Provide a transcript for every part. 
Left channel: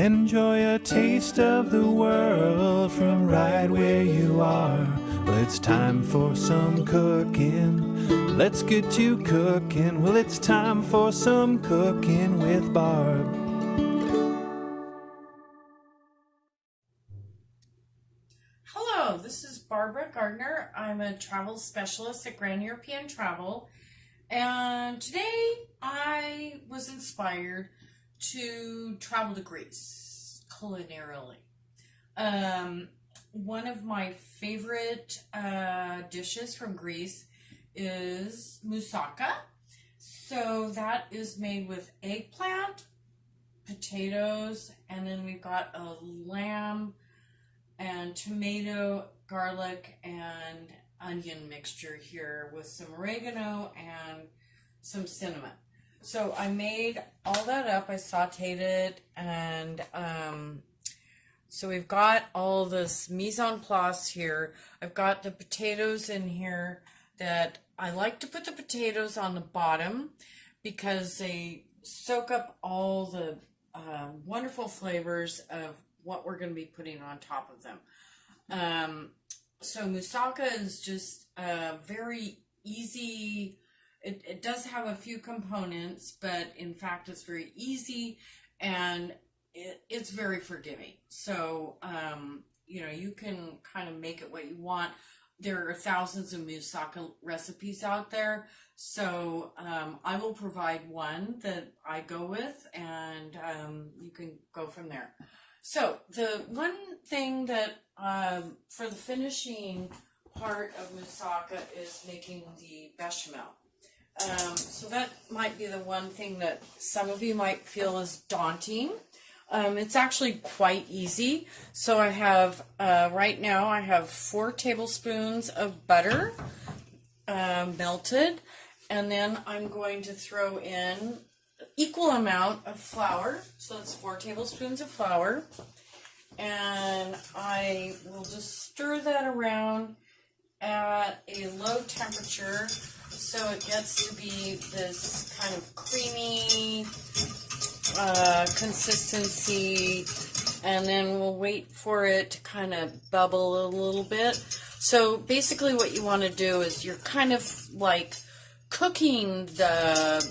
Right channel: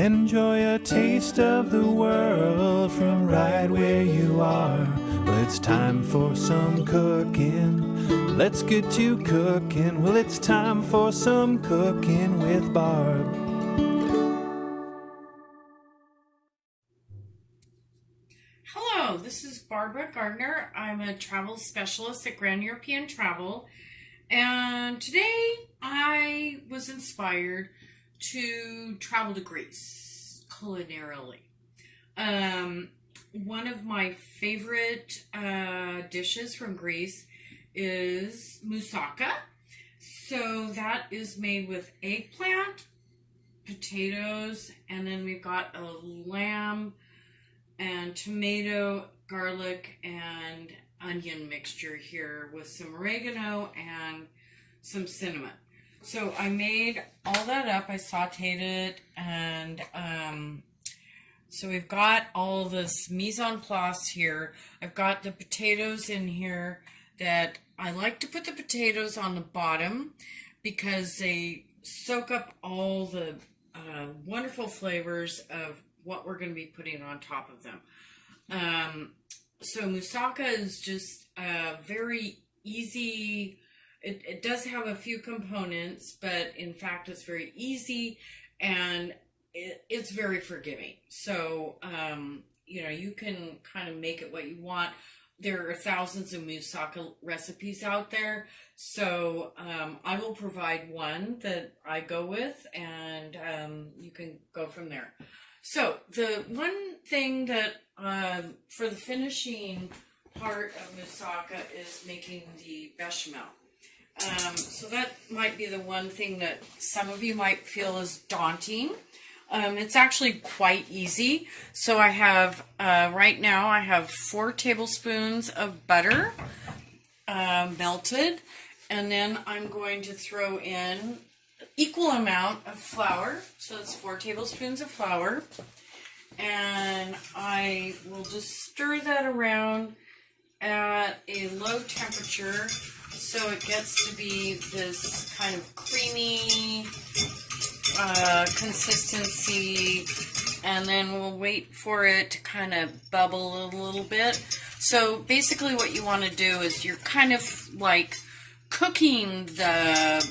Enjoy a taste of the world from right where you are. Well, it's time for some cooking. Let's get you cooking. Well, it's time for some cooking with Barb. Hello, this is Barbara Gardner. I'm a travel specialist at Grand European Travel. And today I was inspired to travel to Greece culinarily. One of my favorite dishes from Greece is moussaka. So that is made with eggplant, potatoes, and then we've got a lamb and tomato, garlic, and onion mixture here with some oregano and some cinnamon. So I made all that up, I sauteed it, and so we've got all this mise en place here. I've got the potatoes in here that I like to put the potatoes on the bottom because they soak up all the wonderful flavors of what we're going to be putting on top of them. So moussaka is just very easy. It does have a few components, but in fact it's very easy and it's very forgiving. So, you can kind of make it what you want. There are thousands of moussaka recipes out there. So I will provide one that I go with, and you can go from there. So the one thing that for the finishing part of moussaka is making the bechamel. So that might be the one thing that some of you might feel is daunting. It's actually quite easy. So I have, right now I have 4 tablespoons of butter melted. And then I'm going to throw in equal amount of flour. So it's 4 tablespoons of flour. And I will just stir that around at a low temperature so it gets to be this kind of creamy consistency, and then we'll wait for it to kind of bubble a little bit. So basically what you want to do is you're kind of like cooking the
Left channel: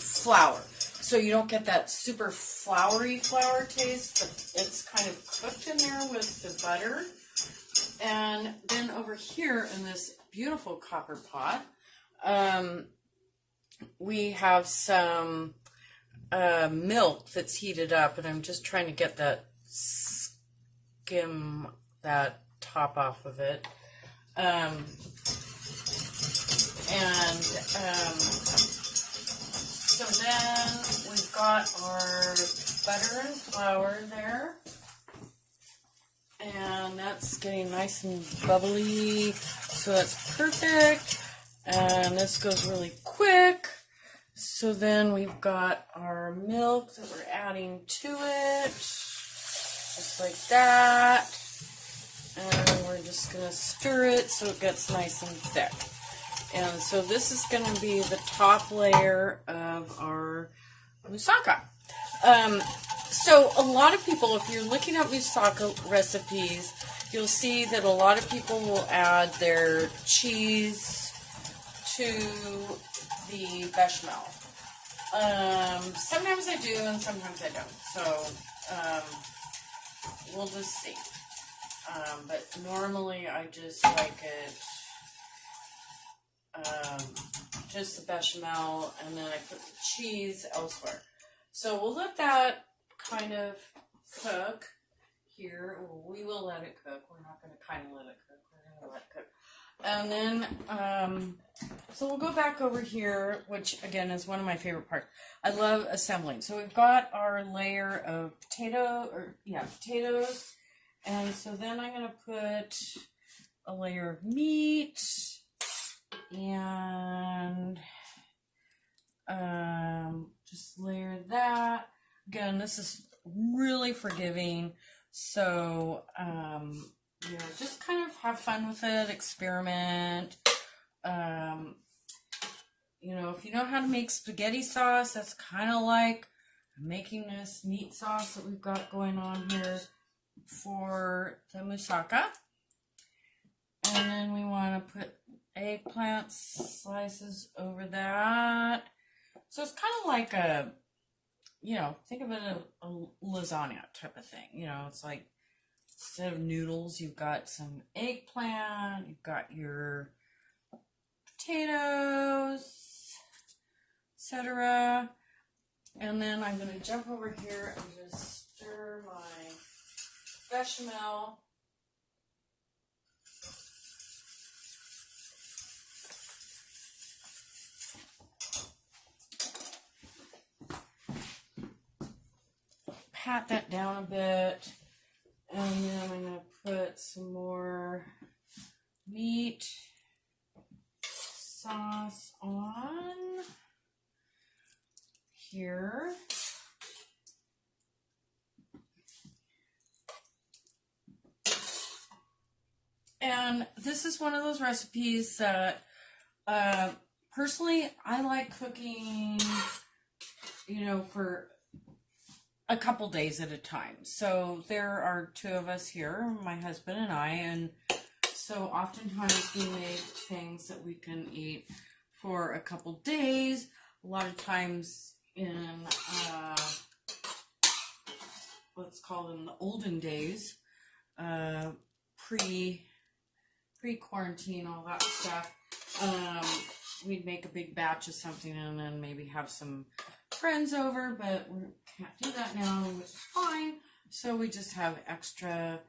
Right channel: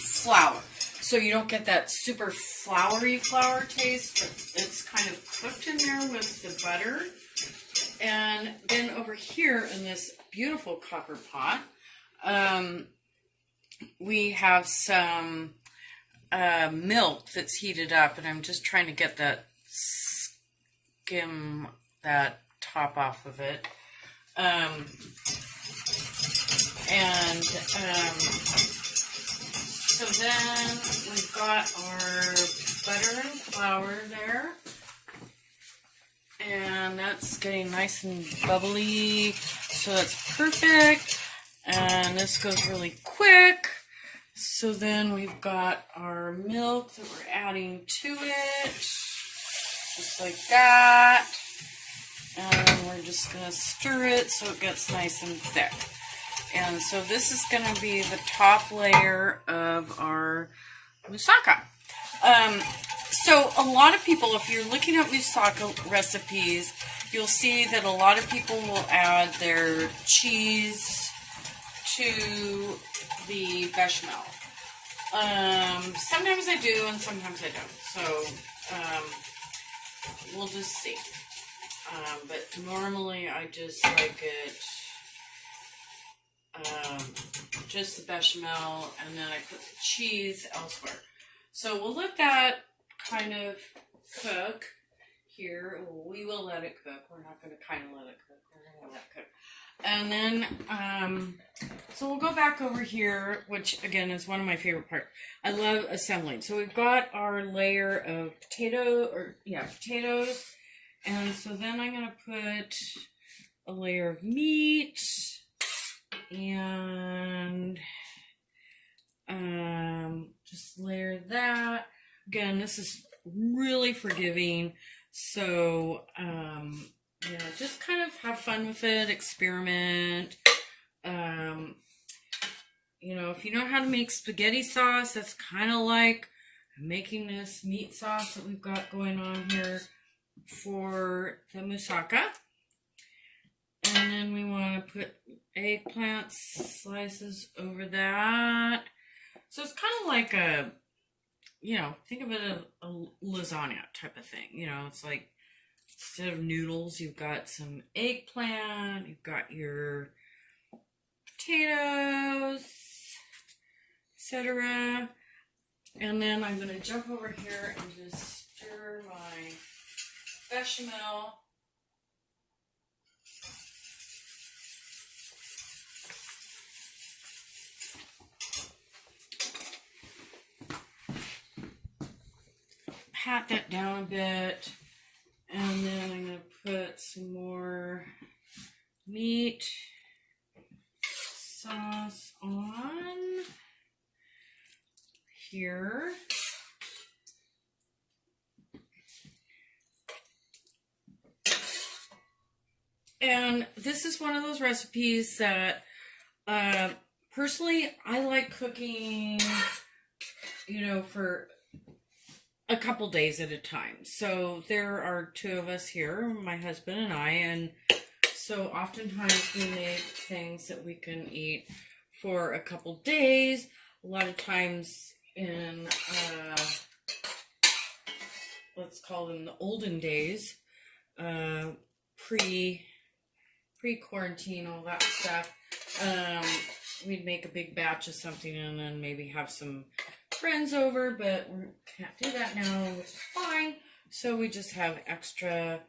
flour. So you don't get that super floury flour taste, but it's kind of cooked in there with the butter. And then over here in this beautiful copper pot, we have some milk that's heated up, and I'm just trying to get that skim that top off of it. So then we've got our butter and flour there, and that's getting nice and bubbly, so that's perfect. And this goes really quick. So then we've got our milk that we're adding to it, just like that. And we're just going to stir it so it gets nice and thick. And so this is going to be the top layer of our moussaka. So a lot of people, if you're looking at moussaka recipes, you'll see that a lot of people will add their cheese to the bechamel. Sometimes I do and sometimes I don't. So we'll just see. But normally I just like it just the bechamel, and then I put the cheese elsewhere. So we'll let that kind of cook here. We will let it cook. We're not going to kind of let it cook. We're going to let it cook. And then, so we'll go back over here, which again is one of my favorite parts. I love assembling. So we've got our layer of potatoes. And so then I'm going to put a layer of meat and just layer that. Again, this is really forgiving. So, just kind of have fun with it, experiment. If you know how to make spaghetti sauce, that's kind of like making this meat sauce that we've got going on here for the moussaka. And then we want to put eggplant slices over that. So it's kind of like a, think of it as a lasagna type of thing. It's like instead of noodles, you've got some eggplant, you've got your potatoes, etc. And then I'm going to jump over here and just stir my bechamel. Pat that down a bit, and then I'm going to put some more meat sauce on here. And this is one of those recipes that personally I like cooking, for a couple days at a time. So there are two of us here, my husband and I, and so oftentimes we make things that we can eat for a couple days. A lot of times in, let's call them the olden days, pre-quarantine, all that stuff, we'd make a big batch of something and then maybe have some friends over, but we can't do that now, which is fine. So we just have extra,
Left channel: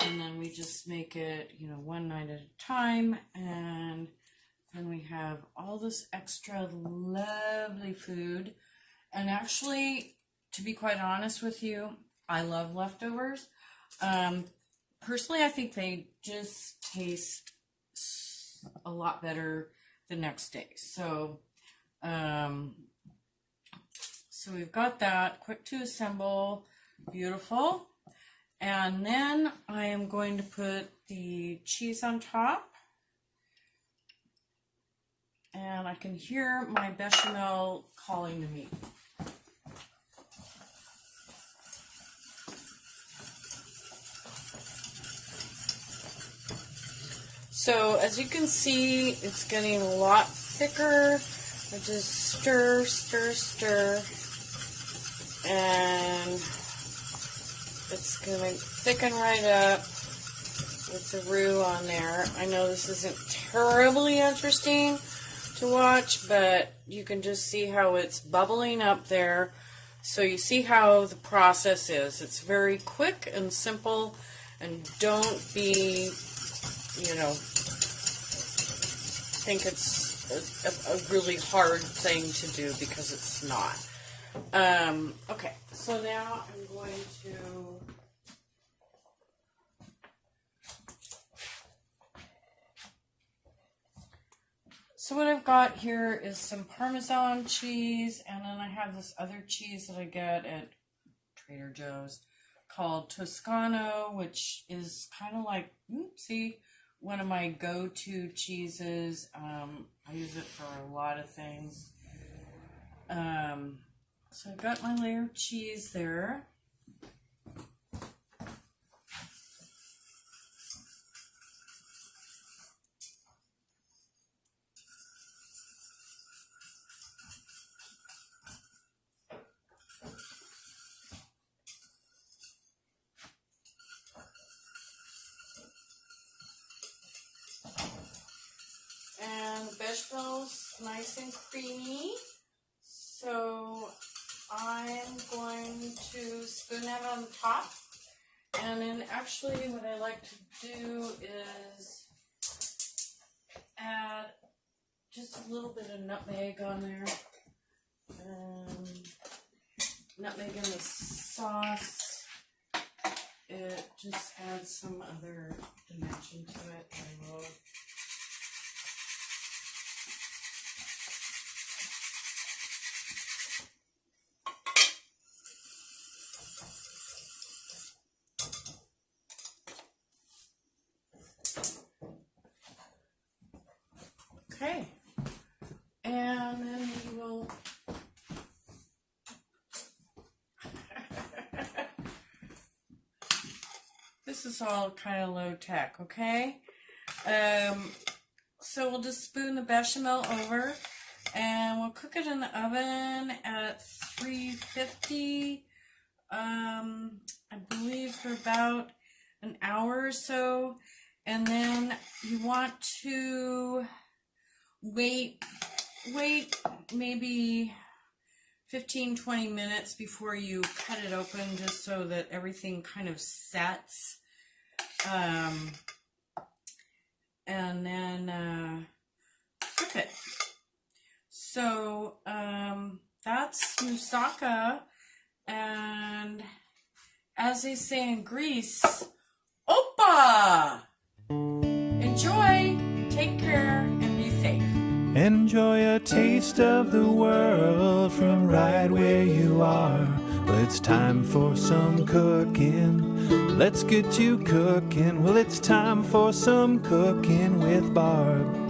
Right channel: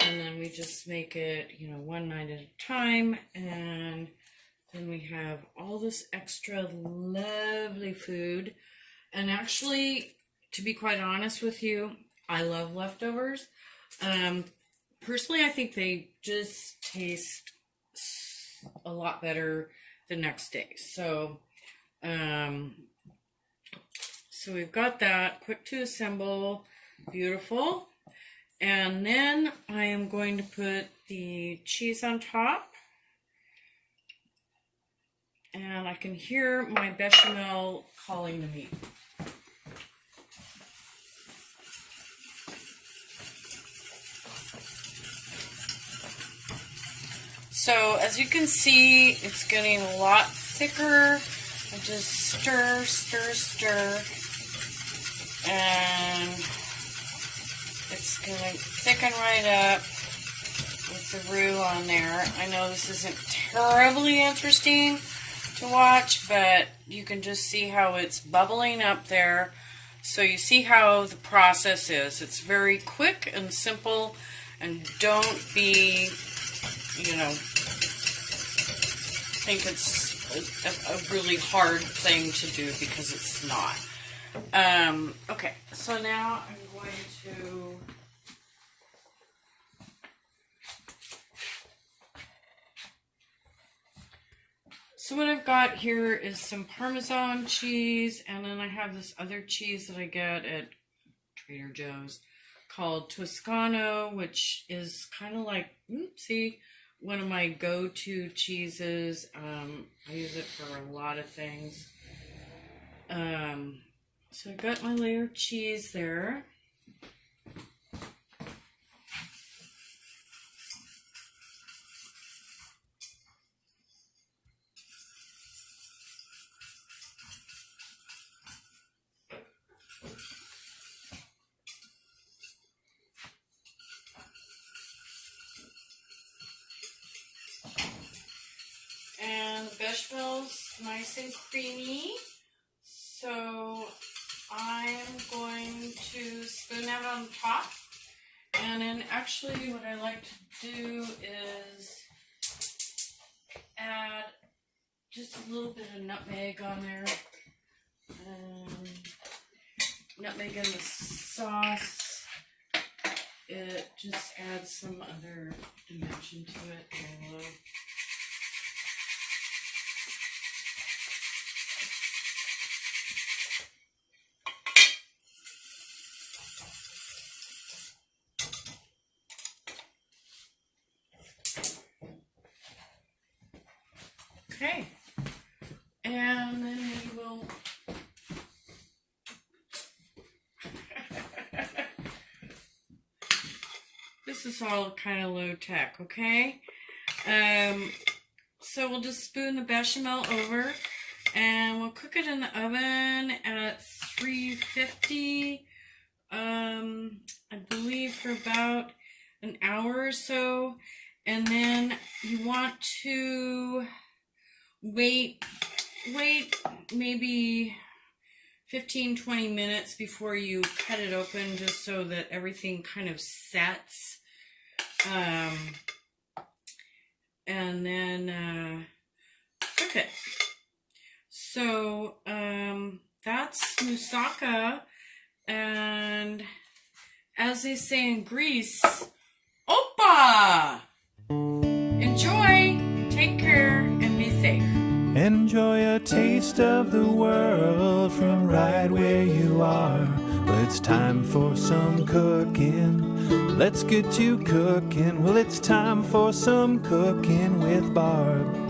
and then we just make it, one night at a time, and then we have all this extra lovely food. And actually, to be quite honest with you, I love leftovers. Personally, I think they just taste a lot better the next day. So, so we've got that, quick to assemble, beautiful. And then I am going to put the cheese on top. And I can hear my bechamel calling to me. So as you can see, it's getting a lot thicker. I just stir, stir, stir. And it's going to thicken right up with the roux on there. I know this isn't terribly interesting to watch, but you can just see how it's bubbling up there. So you see how the process is. It's very quick and simple, and don't be, think it's a really hard thing to do, because it's not. Okay, so now I'm going to so what I've got here is some Parmesan cheese, and then I have this other cheese that I get at Trader Joe's called Toscano, which is kind of like, one of my go-to cheeses. I use it for a lot of things. So I got my layer of cheese there. And the bechamel's nice and creamy. So I am going to spoon that on top. And then actually what I like to do is add just a little bit of nutmeg on there. Nutmeg in the sauce. It just adds some other dimension to it. I love. Okay, and then we will this is all kind of low tech, okay? So we'll just spoon the bechamel over, and we'll cook it in the oven at 350, I believe for about an hour or so. And then you want to wait maybe 15-20 minutes before you cut it open, just so that everything kind of sets. And then cook it. So that's moussaka, and as they say in Greece, Opa! Enjoy, take care, and be safe. Enjoy a taste of the world from right where you are. Well, it's time for some cooking. Let's get you cooking. Well, it's time for some cooking with Barb.